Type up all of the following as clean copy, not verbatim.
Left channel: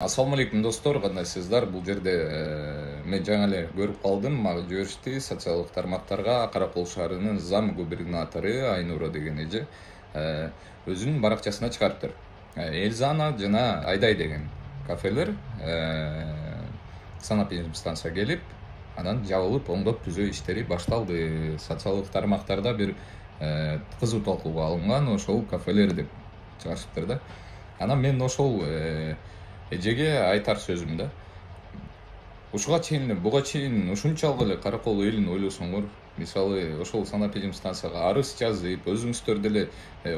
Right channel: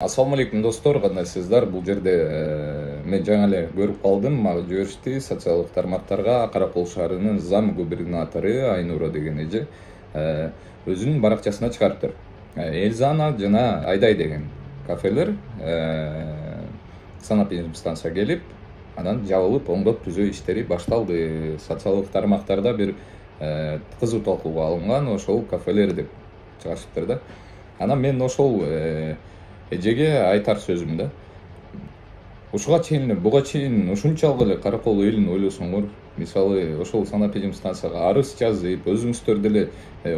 Assalamu alaikum достор, кандайсыздар? Бул жерде мен жаңа эле көрүп калдым, мага жиберишти социалдык тармактарга Каракол шаарынын зам губернатору Айнура деген эже өзүнүн баракчасына чыгарыптыр. Элзана жана Айдай деген кафелер санап станция келип, анан жабылып, оңдоп түзөө иштери башталды. Социалдык тармактарда бир кызуу талкууга алынган ошол кафелер деп чыгышыптыр да. Анан мен ошол эжеге айтар сөзүм да. Ушуга чейин, буга чейин ушунчалык эле Каракол элин ойлосоңор, мисалы ошол санап станцияга арыз жазып, өзүңүздөр деле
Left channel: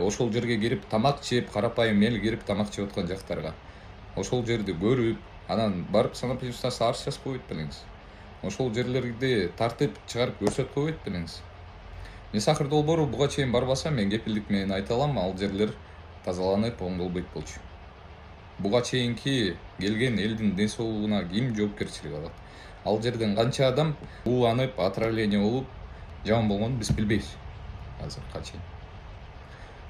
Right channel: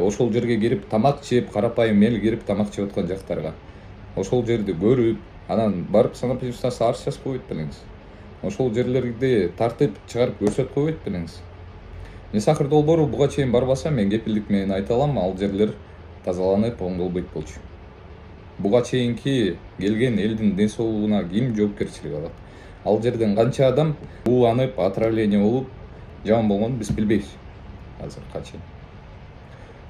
ошол жерге кирип тамак жеп, карапайым эл кирип тамак жеп аткан жактарга ошол жерди көрүп, анан барып санап станцияга арыз жазып койбойт белеңиз. Ошол жерлерди тартып чыгарып көрсөтүп койбойт белеңиз. Мисакыр долбоору буга чейин барбаса, мен кепилдик менен айта алам, ал жерлер тазаланып, оңдолбойт болчу. Буга чейинки келген элдин ден соолугуна ким жоопкерчилик алат? Ал жерден канча адам ууланып, отравление болуп, жаман болгонун биз билбейбиз азыркыга чейин.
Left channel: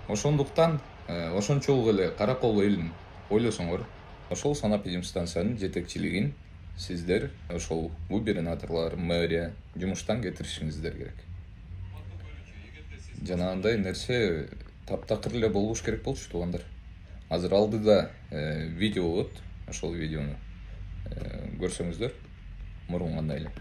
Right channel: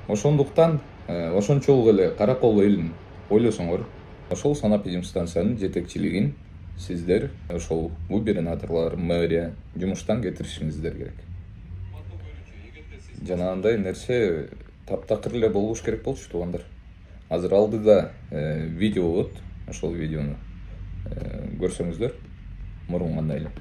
Ошондуктан ошончолук эле Каракол элин ойлосоңор, ошол санап станциянын жетекчилигин сиздер ошол губернаторлор, мэрия жумуштан кетиришиңиздер керек. Жанагындай нерсе таптакыр эле болбош керек болчу туугандар. Азыр алдыда видео болот, ошол видеону көрсөңүздөр, мурун кандай эле.